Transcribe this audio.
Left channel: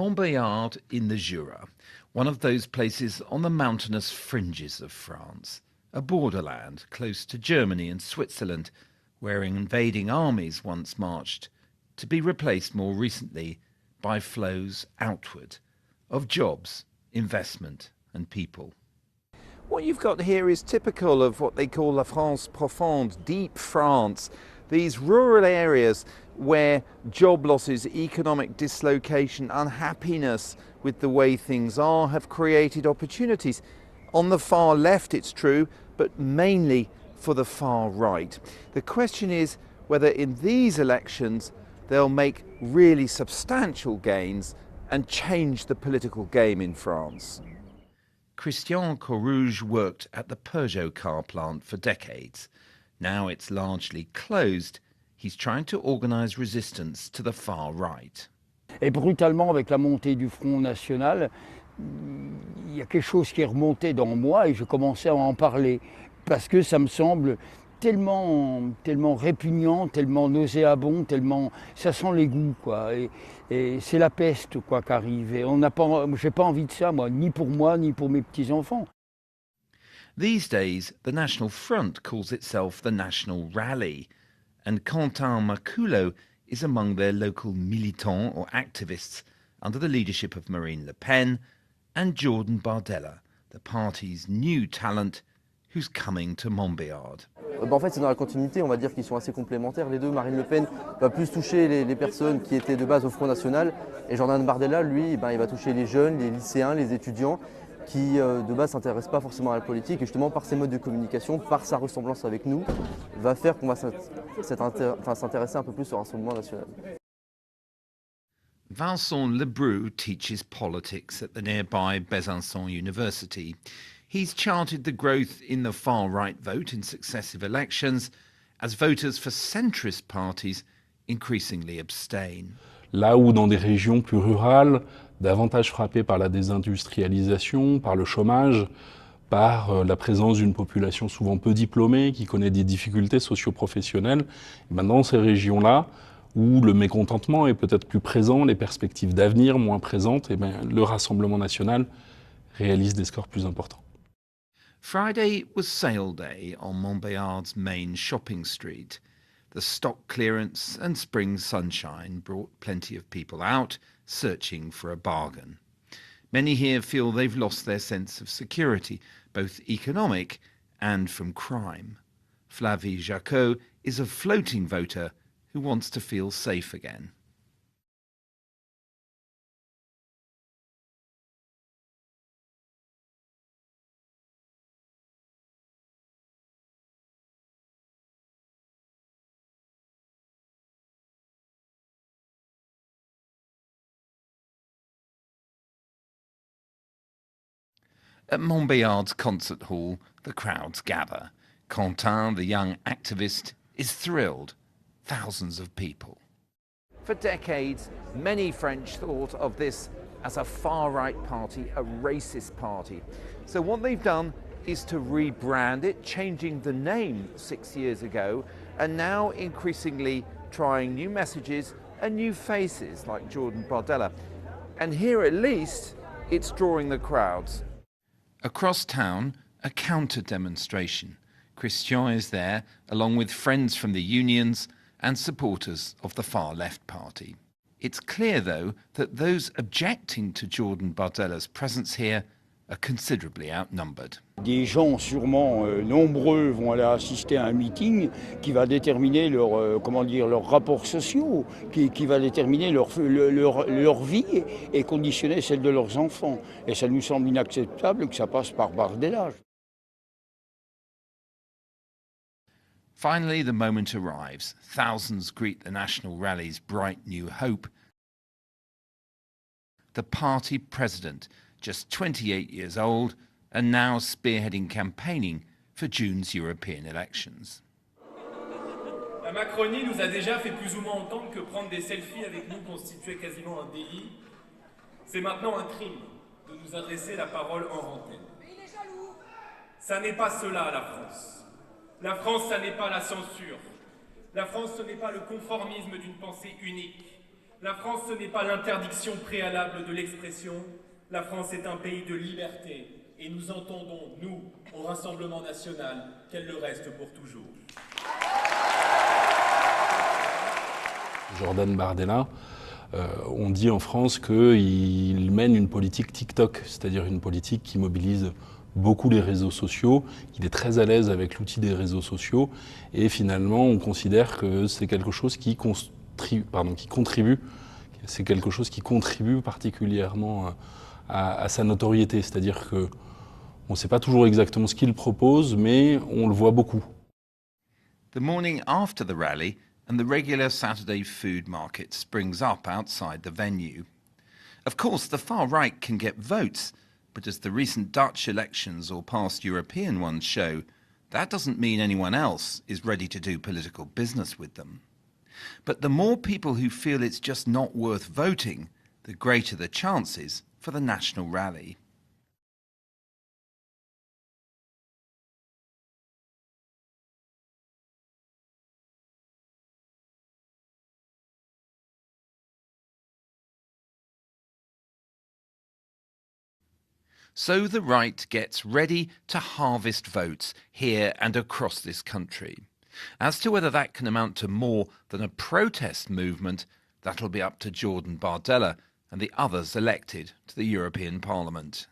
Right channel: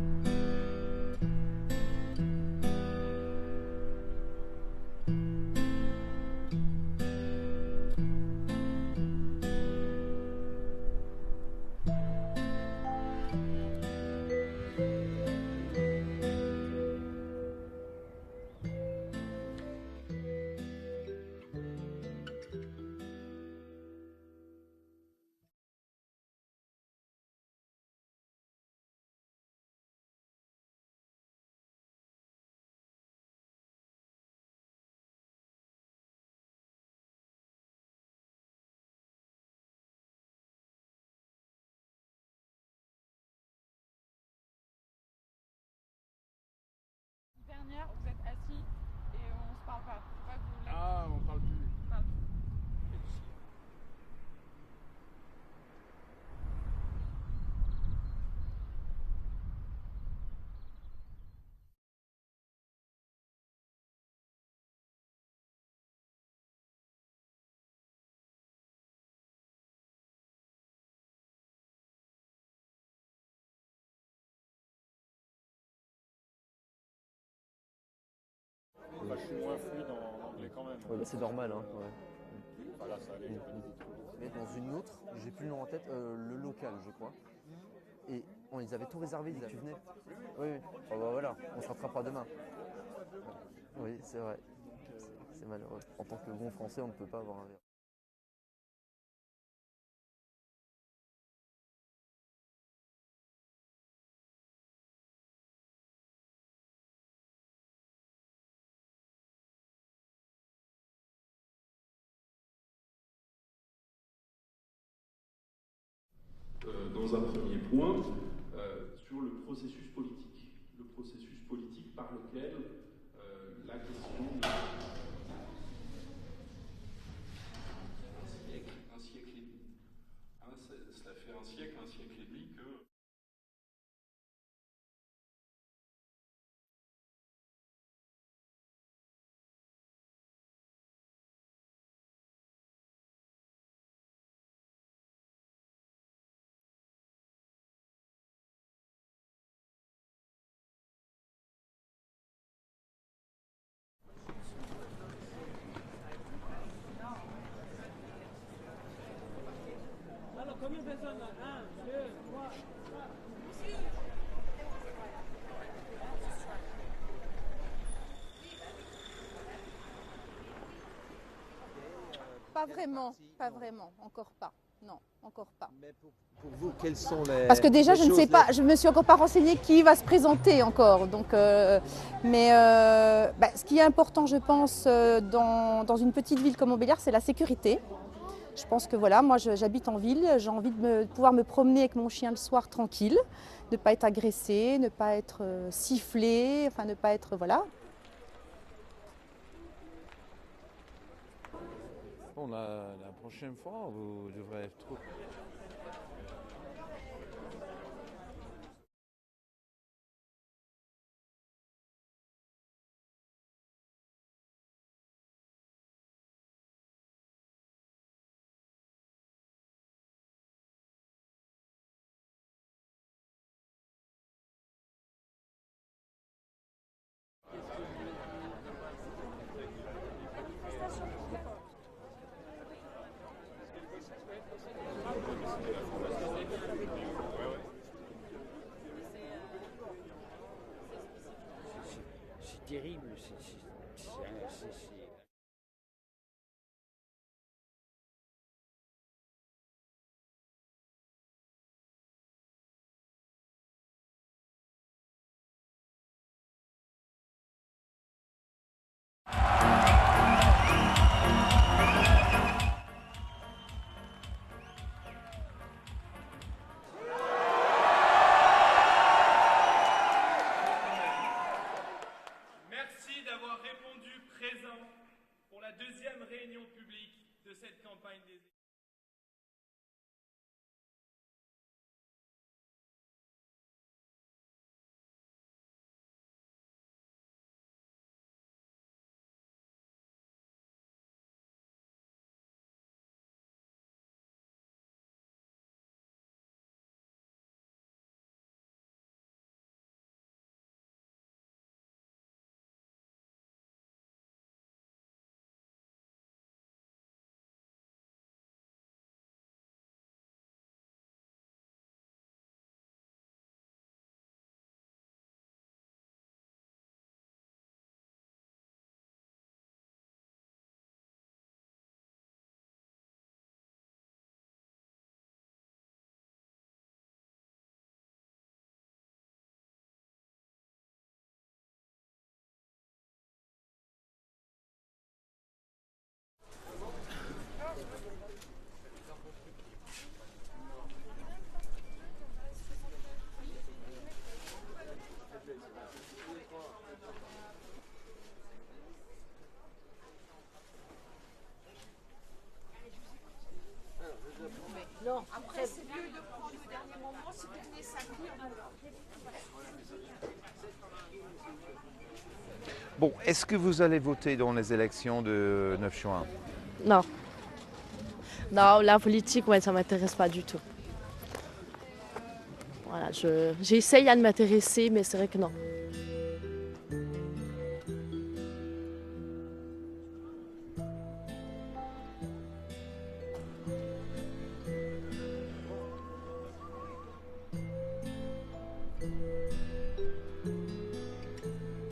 Montbéliard in the Jura, one of those places on the mountainous fringes of France, a borderland close to Germany and Switzerland, where invading armies once marched, to be replaced more recently by flows outward of jobs, investment and people. What you've got here is typical of what they call La France profonde, deep France, these rural areas where job losses, economic dislocation, unhappiness with the way things are have created opportunities. On the far left, it's true, but mainly for the far right. The question is whether in these elections they'll make really substantial gains and change the political game in France. Christian Courrouge worked at the Peugeot car plant for decades. Now it's largely closed. He's trying to organise resistance to the far right. Et brutalement, avec la montée du Front National, il y a quelque chose qui est remonté dans moi et je commençais à en parler parce que ça me semble tellement répugnant, tellement nauséabond, tellement ça sent l'égout quoi. Et c'est la peste quoi qu'arrive. Et j'ai pas envie de ça moi, ni pour moi ni pour mes petits enfants. These days, the National Front calls itself the National Rally, and Quentin Maculo is among their local militants or activists under the leadership of Marine Le Pen and Jordan Bardella, the party's new talent who's coming to Montbéliard. En fait, c'est dans la continuité, on va dire qu'ils sont assez complémentaires. Les deux, Marine Le Pen va plus toucher les personnes qui étaient de base au Front National, et Jordan Bardella, lui, il va toucher les jeunes, les lycéens, les étudiants, qui de base ne s'intéressent pas forcément à la politique, et justement par ses modes de communication, par sa ressemblance avec nous, va faire qu'on va s'intéresser un peu plus au Rassemblement national. Vincent Lebrun teaches politics at the nearby Besançon University. He's charted the growth in the far-right vote in successive elections as voters for centrist parties increasingly abstain. Là où dans des régions plus rurales, davantage frappées par la désindustrialisation, par le chômage, par la présence d'une population souvent peu diplômée qui connaît des difficultés socio-professionnelles, dans ces régions-là, où le mécontentement est peut-être plus présent, les perspectives d'avenir moins présentes, le Rassemblement national réalise des scores plus importants. Friday was sale day on Montbéliard's main shopping street. The stock clearance and spring sunshine brought plenty of people out, searching for a bargain. Many here feel they've lost their sense of security, both economic and from crime. Flavie Jacot is a floating voter who wants to feel safe again. Parce que déjà, je ne sais pas, je me suis encore pas renseignée qui va se présenter encore. Donc, ce qui est important, je pense, dans une petite ville comme Montbéliard, c'est la sécurité. Je pense que voilà, moi j'habite en ville, j'ai envie de pouvoir me promener avec mon chien le soir tranquille, ne pas être agressé, ne pas être sifflé, enfin ne pas être voilà. At Montbéliard's concert hall, the crowds gather. Quentin, the young activist, is thrilled. Thousands of people. For decades, many French thought of this as a far-right party, a racist party. So what they've done is to rebrand it, changing the name 6 years ago, and now increasingly trying new messages and new faces like Jordan Bardella. And here at least, it's drawing the crowds. Across town, a counter-demonstration. Christian is there, along with friends from the unions and supporters of the far-left party. It's clear, though, that those objecting to Jordan Bardella's presence here are considerably outnumbered. Des gens sûrement nombreux vont aller assister à un meeting qui va déterminer leurs rapports sociaux, qui va déterminer leur vie et conditionner celle de leurs enfants. Et ça nous semble inacceptable que ça passe par Bardella. Finally, the moment arrives. Thousands greet the National Rally's bright new hope. The party president, just 28 years old, and now spearheading campaigning for June's European elections. La Macronie nous a déjà fait plus ou moins entendre que prendre des selfies avec nous constituait quasiment un délit. C'est maintenant un crime de nous adresser la parole en antenne. Ça n'est pas cela, la France. La France, ça n'est pas la censure. La France, ce n'est pas le conformisme d'une pensée unique. La France, ce n'est pas l'interdiction préalable de l'expression. La France est un pays de liberté. Et nous entendons, nous, au Rassemblement national, qu'elle le reste pour toujours. Jordan Bardella, on dit en France qu'il mène une politique TikTok, c'est-à-dire une politique qui mobilise beaucoup les réseaux sociaux, qu'il est très à l'aise avec l'outil des réseaux sociaux, et finalement on considère que c'est quelque chose qui contribue, c'est quelque chose qui contribue particulièrement à sa notoriété, c'est-à-dire que on ne sait pas toujours exactement ce qu'il propose, mais on le voit beaucoup. The morning after the rally, and the regular Saturday food market springs up outside the venue. Of course, the far right can get votes, but as the recent Dutch elections or past European ones show, that doesn't mean anyone else is ready to do political business with them. But the more people who feel it's just not worth voting, the greater the chances for the national rally. Bon, est-ce que vous allez voter dans les élections de 9 juin? Non. Non, la politique, ouais, ça ne m'intéresse pas du tout. Voilà, j'essaye à m'intéresser, mais c'est vrai que non. So the right gets ready to harvest votes here and across this country. As to whether that can amount to more than a protest movement, that'll be up to Jordan Bardella and the others elected to the European Parliament.